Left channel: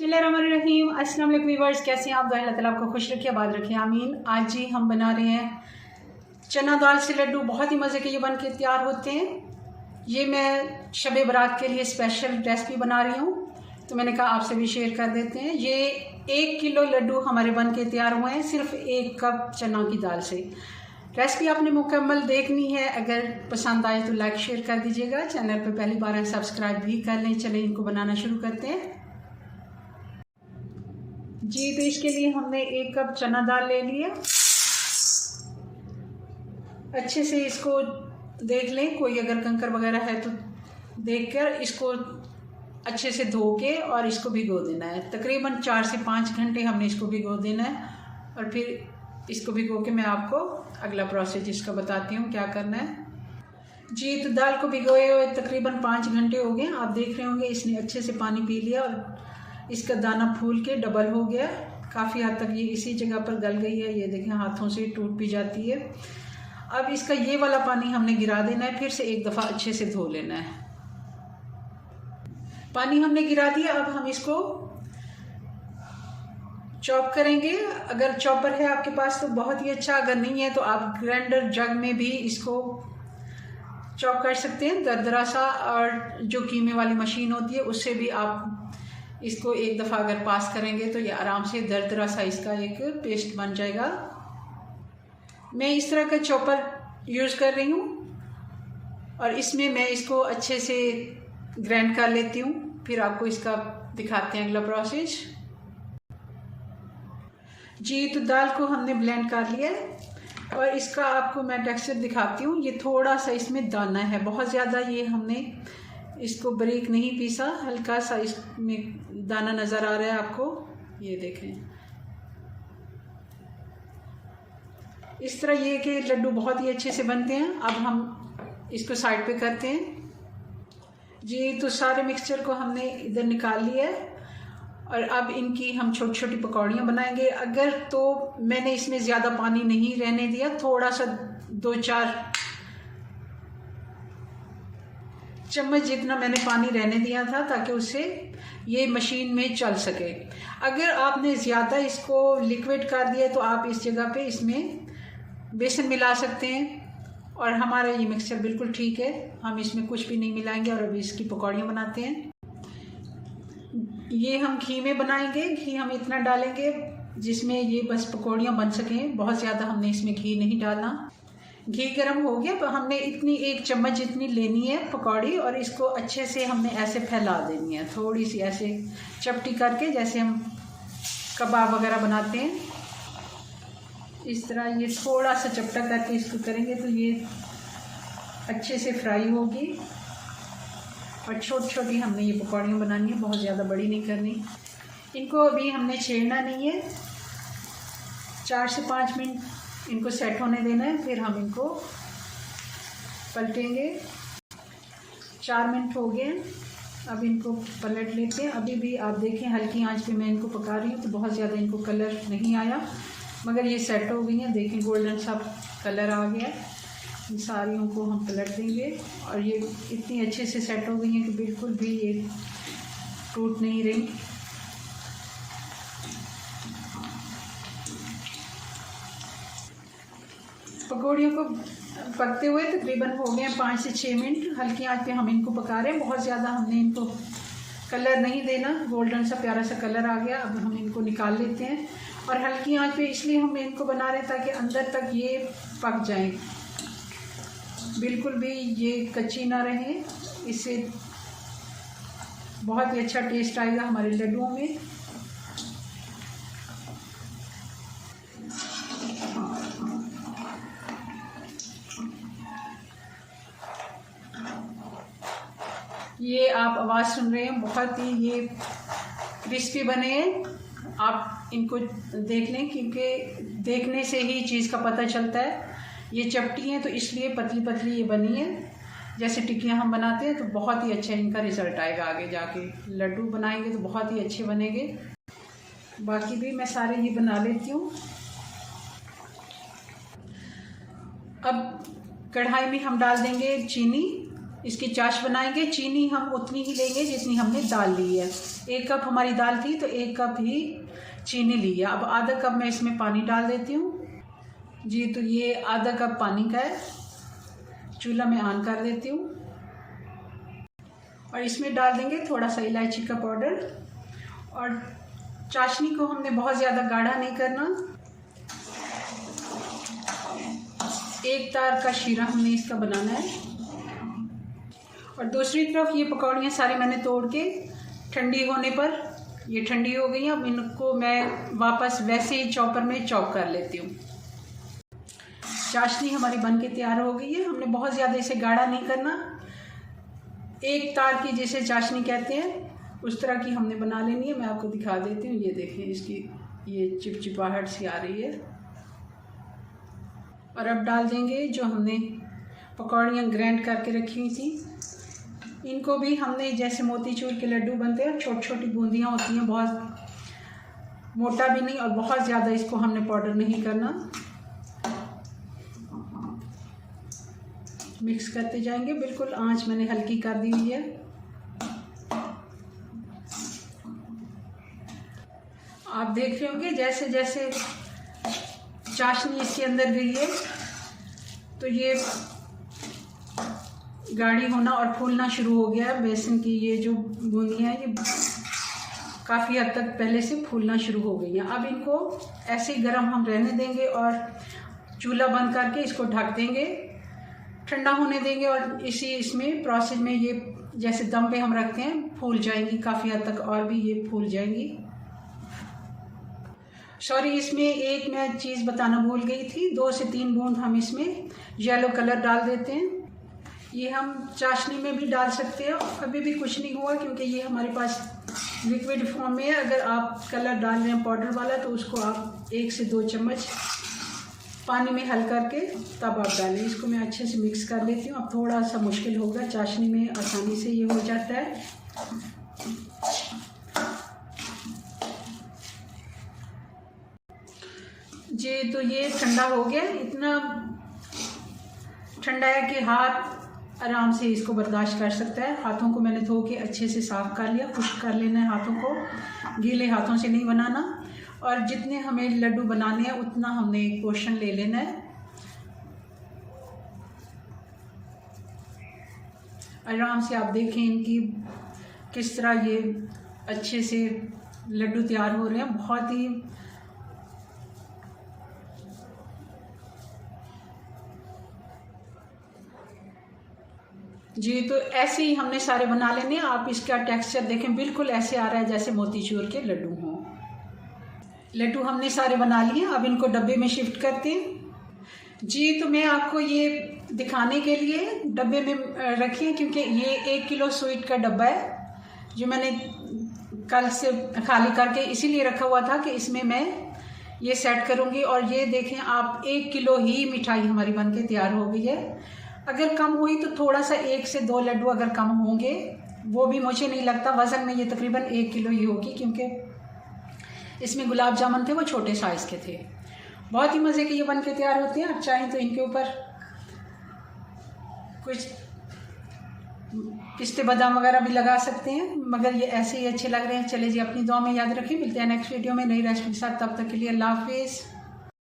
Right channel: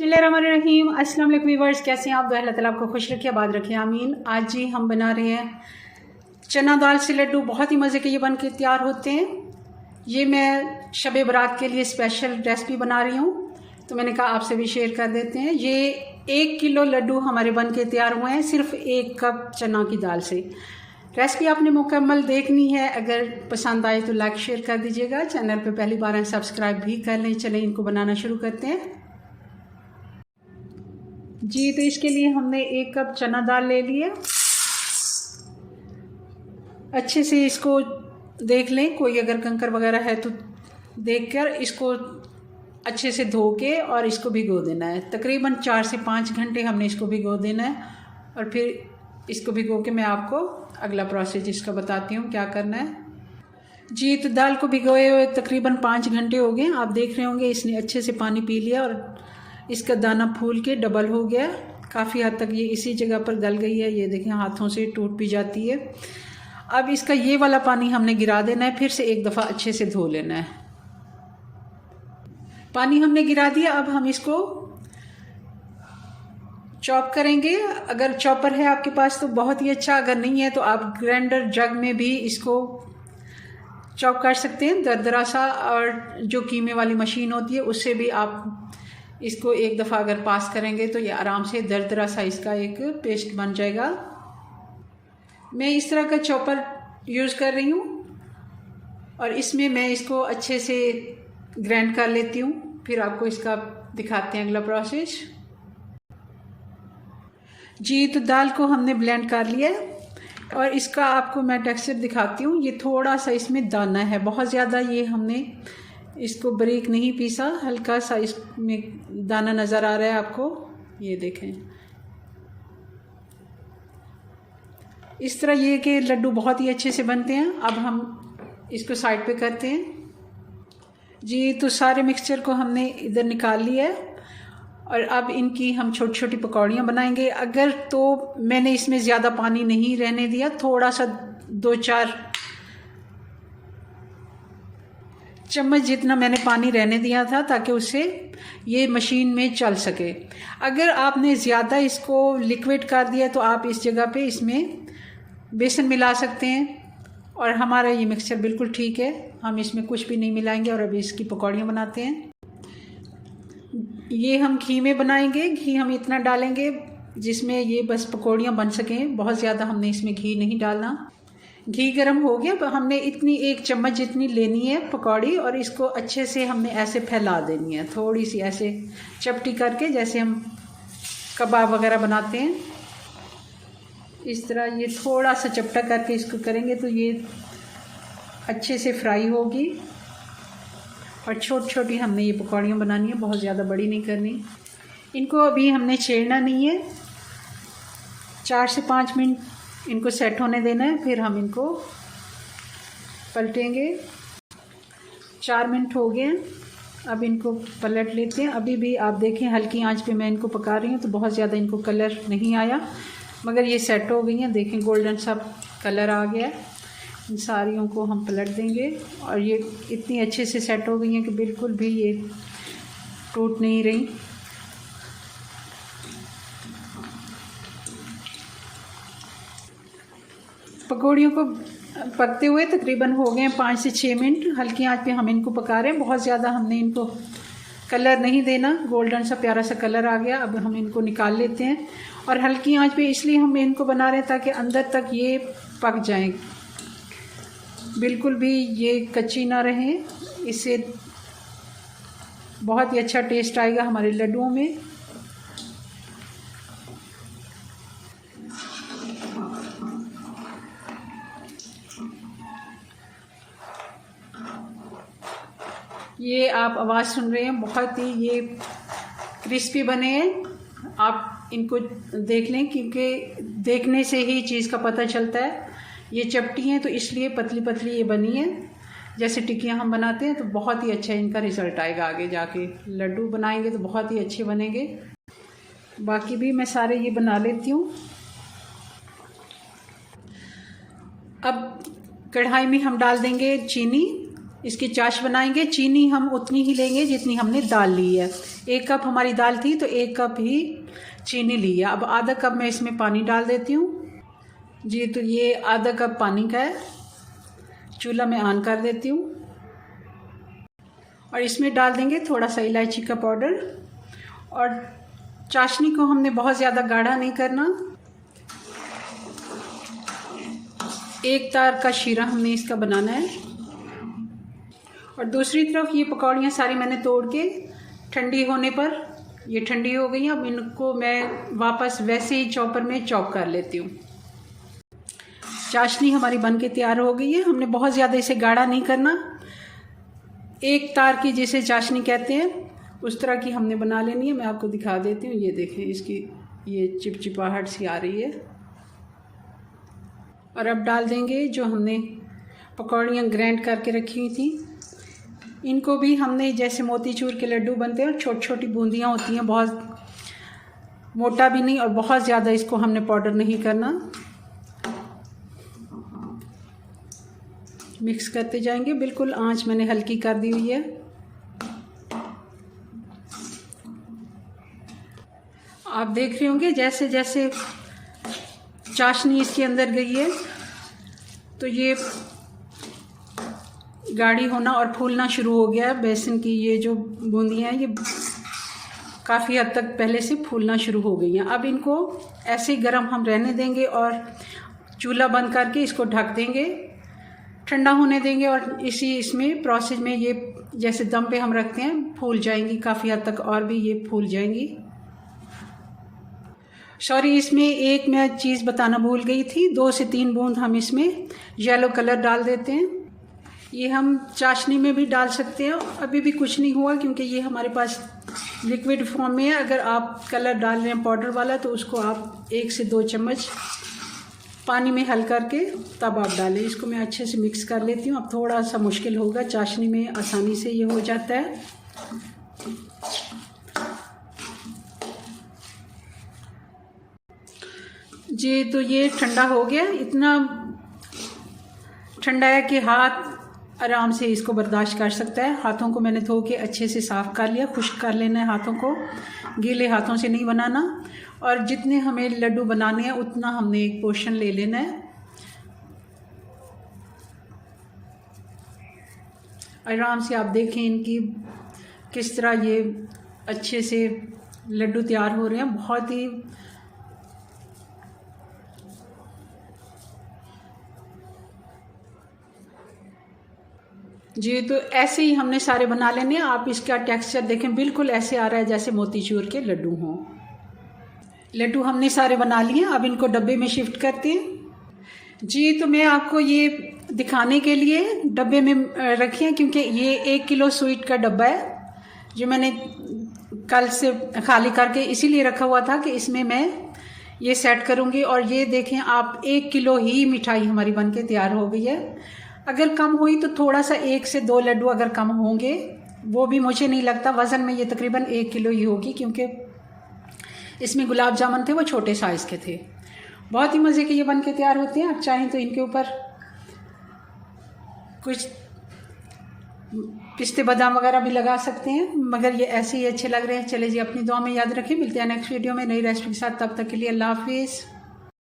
बिस्मिल्लाहिर्रहमानिर्रहीम। अस्सलाम वालेकुम व्यूअर्स, कैसे हैं आप? अल्लाह ताला आपको खुश रखे, आबाद रखे, आमीन। आज जी हम बना रहे हैं चना दाल से लड्डू। बहुत ही मज़े के ये बन के तैयार होते हैं। ये मैं शब बारात के लिए स्पेशल रेसिपी बना रही हूँ, तो मैंने कहा आपसे भी शेयर कर देते हैं। ये 1 किलो लड्डू हमारे बन के तैयार हुए हैं सिर्फ 1 कप चना की दाल से। रेसिपी आपने मुकम्मल देखनी है, अगर पसंद आए तो लाइक शेयर कर दीजिएगा। चैनल पर पहली बार है सब्सक्राइब भी कर लें। चलें इनको बनाना शुरू करते हैं जी। तो इसके लिए हमने 1 कप चना दाल ले लिया। अच्छे से इसको देख लें, कोई अगर कंकर वगैरह है तो देखकर इसको अच्छे से धो के और इसको भिगो देना है। तकरीबन 4 से 5 घंटे हमने इसको भिगो देना है। और फिर इसको भिगो के मैं आपको अगला प्रोसेस इसका बताती हूँ क्या करना है जी। तो दाल को भिगोए हुए तकरीबन 5 घंटे हो गए। आप देख रहे होंगे इसने अच्छे से पानी पी लिया और इसका दाना फूल के डबल हो गया। काफ़ी हद तक ये इसी जगह पर गल गई है। ये देखें हाथों से टूट भी जाती है। अब इसका ये वाला पानी हमने गिरा देना है, फिर से एक दफ़ा अच्छे से धो लेना है। पानी हमने गिरा दिया। अब हम इसको चॉप करेंगे। अगर चॉपर है आपके पास तो बहुत ही अच्छा, अगर नहीं है तो आप ग्राइंडर जग में भी इसको चॉप कर सकते हैं दरदरा सा। और जो कीमे वाली मशीन होती है उससे भी आप इसको एक दफ़ा अगर पास करेंगे तो ये आराम से दरदरा सा इसका एक पेस्ट बन जाएगा। मैं इस तरह का चॉपर यूज़ कर रही हूँ और इसमें मैं इसको अच्छे से ग्राइंड कर लेती हूँ। फिर आपको इसका दिखाते हैं अगला प्रोसेस जी। तो दाल को हमने ब्लेंड कर लिया और इसका आपको मैं टेक्सचर दिखाती हूँ। ये थोड़ा सा इसमें दाना है, बहुत ज़्यादा ये हमने इसको बारीक नहीं पीसा, हल्का सा इसमें दाना नज़र आ रहा है आपको। ये देखें इस तरह ये कि लड्डू बहुत ही अच्छे से बनते हैं। अब हम इसको साइड पे करते हैं जी। तो सारे मिक्सचर को हमने इधर निकाल लिया है और अब इनकी हम छोटी छोटी पकौड़ियाँ बनाएंगे। अगर तो मैंने इसमें ज़्यादा पानी नहीं रहने दिया, थोड़ा सा 2-4 चम्मच जितना मैंने पानी रहने दिया था ताकि उससे ये मशीन में चल सके। अगर आपने ज़्यादा इसको लिक्विड कर दिया तो आप इस जगह पे इसमें बेसन मिला सकते हैं। और हमारा ये मिक्सचर बिल्कुल ठीक है, हम इसमें कुछ भी नहीं मिलाएंगे। और अभी इसकी पकौड़ियाँ बनाते हैं। ये हम घी में बनाएंगे। घी हम इतना डालेंगे जिसमें ये बस पकौड़ियाँ बन सकें, बहुत ज़्यादा हमने इसमें घी नहीं डालना। घी गरम हो गया तो हमने इतनी 1 चम्मच जितनी लेनी है पकौड़ी और इसको अच्छे से हमने ऐसे फैला देनी है, थोड़ी सी ऐसे चपटी करके, जैसे हम कबाब वगैरह बनाते हैं इस तरह। ये थोड़ा सा चपटा करके इसको करेंगे तो ये अच्छे से फ्राई होगी। और छोटी छोटी हमने ये पकौड़ियाँ बनानी है, बहुत ज़्यादा बड़ी नहीं करनी। इनको अभी हमने छेड़ना नहीं है, 4 से 5 मिनट इनको सेट होने देना है, फिर हम इनको पलटेंगे। 4 मिनट हो गए, अब इनको पलट लेते हैं। अभी भी आप देखें हल्की आंच पे मैं इनको पका रही हूँ तो बहुत ज़्यादा इनको कलर नहीं आया, मगर ये सेट हो गई हैं। देखें गोल्डन सा कलर आ गया है। इन सारियों को हम पलट देंगे और ये इतनी अच्छे से सेट हो गई हैं कि बिल्कुल भी ये टूट नहीं रही। पकौड़ियों को पकते हुए तकरीबन हो गए 5 से 6 मिनट। हल्की आंच पे हम इनको पका रहे हैं, बहुत ज़्यादा हमने इनको कलर नहीं देना। गोल्डन सा प्यारा सा कलर आ गया। अब हम इनको निकाल लेते हैं। और हल्की आंच पे इसलिए हम इनको बना रहे हैं ताकि अंदर तक ये पक जाएं, बिल्कुल भी ये कच्ची ना रहें। इससे बहुत ही अच्छा टेस्ट आएगा हमारे लड्डुओं में। ये आप आवाज़ सुन रहे हैं, बहुत ही ये क्रिस्पी बने हैं। आप इनको देख लें क्योंकि देखने से ही चीज़ का पता चलता है। ये चपटी हैं तो इसलिए पतली पतली ये बनी है। जैसे टिक्कियाँ हम बनाते हैं तो बहुत ही अच्छा इनका रिज़ल्ट आएगा। आगे जाके लड्डू बनाएंगे तो बहुत ही अच्छे बनेंगे। बाकी भी मैं सारे ये बना लेती हूँ। अब कढ़ाई में हम डाल देंगे चीनी इसकी चाश बनाएंगे। चीनी हम उतनी ही लेंगे जितनी हमने दाल ली है। 1 कप हमारी दाल थी तो 1 कप ही चीनी ली है। अब आधा कप मैं इसमें पानी डाल देती हूँ जी। तो ये आधा कप पानी का है। चूल्हा मैं ऑन कर देती हूँ और इसमें डाल देंगे थोड़ा सा इलायची का पाउडर। और चाशनी को हमने बहुत ज़्यादा गाढ़ा नहीं करना। 1 तार का शीरा हमने इसका बनाना है। और दूसरी तरफ ये पकौड़ियाँ सारी मैंने तोड़ के ठंडी होने पर ये ठंडी हो गई हैं। अब इनको मैं वापस वैसे ही चॉपर में चॉप कर लेती हूँ। चाशनी हमारी बनके तैयार हो गई है। हमने बहुत ज़्यादा इसे गाढ़ा नहीं करना। 1 तार की जिसे चाशनी कहते हैं उस तरह की हमने बना लेनी है। मैं आपको दिखा देती हूँ। ये देखें, इसकी ये चिपचिपाहट सी आ रही है। और अब डाल देंगे जो हमने पकौड़ियाँ ग्राइंड करके रखी हुई थी। इनको भी हमने जैसे मोतीचूर के लड्डू बनते हैं, छोटी छोटी बूंदियाँ होती हैं, बहुत मोटा भी नहीं और बहुत ज़्यादा इसको हमने पाउडर नहीं करना। मिक्स करते जाएंगे। बिल्कुल आंच मैंने हल्की कर दी हुई है। आप देख रहे होंगे जैसे जैसे चाशनी इसके अंदर गई है तो ये गाढ़ी होना और फूलना शुरू हो गया है। बेसन की ये जो बूंदियाँ हैं ये काफ़ी हद तक पहले से फूलना शुरू हो गई हैं। अब इनको ऐसे ही गर्म हम रहने देंगे और चूल्हा बंद करके इसको ढक देंगे, ठंडा होने देंगे। और इसमें प्रोसेस में ये जैसे दम पे हम रखते हैं फूल जाएंगी काफ़ी हद तक, और भी ये फूल जाएंगी। सॉरी, इसमें एक मैं चीज़ बताना भूल गई थी। 2 से 3 बूंद हम इसमें येलो कलर डाल देते हैं। ये हम चाशनी में भी डाल सकते हैं। अभी भी कुछ नहीं हुआ क्योंकि ये हमारे पास लिक्विड फॉर्म में है। अगर आप कलर डाल रहे हैं पाउडर वाला तो उसको आप 1 से 2 चम्मच पानी में हल करके तब आप डालें। इसको मैं अच्छे से मिक्स कर लेती हूँ। अब थोड़ा सा मुश्किल होगा, चाशनी में आसानी से ये हो जाता है। जी, तो ये ठंडा हो गया। इतना ठंडा है कि हाथ आराम से इसको बर्दाश्त कर सकता है। हाथों को मैंने धो के अच्छे से साफ़ कर लिया। खुश्क कर लेना है हाथों को, गीले हाथों से नहीं बनाना। और जितने हमें लड्डू बनाने हैं उतना हमने एक पोर्शन ले लेना है। आराम से आप देखें इनकी किस तरह ये अच्छे से लड्डू तैयार हो रहे हैं। बहुत ही जी, तो ऐसे ही हमने सारे बना लेने हैं। आप इसका टेक्सचर देखें, बिल्कुल ऐसे आ रहा है जैसे मोतीचूर के लड्डू हों। लड्डू हमने सारे बना लिए। अब इनको डब्बे में शिफ्ट करते हैं। जी, तो मैं आपको ये दिखाने के लिए डब्बे में रखी है क्योंकि ये 1 किलो स्वीट का डब्बा है जो मैंने कल से खाली करके इसीलिए रखा हुआ था कि इसमें मैं ये सेट करूँगी। और ये देखें आप, 1 किलो ही मिठाई हमारी बनके तैयार हो गई है। अगर कम हुई तो थोड़ा सा 1 से 2 लड्डू अगर कम होंगे, वो भी मुझे नहीं लगता। वज़न में ये तकरीबन 1 किलो ही होगी क्योंकि इसमें गुलाब जामुन थे वो छोटे साइज़ के थे। बहुत ही मज़े के ये बन के तैयार होते हैं। आप चाहें तो इनके ऊपर कुछ पिस्ते बादाम वगैरह भी लगा सकते हैं, मगर ये ऐसे ही अच्छे लग रहे हैं। चले जी, अपनी दुआ में याद रखें। मिलते हैं नेक्स्ट वीडियो में नई रेसिपी के साथ। तब तक के लिए अल्लाह हाफिज़।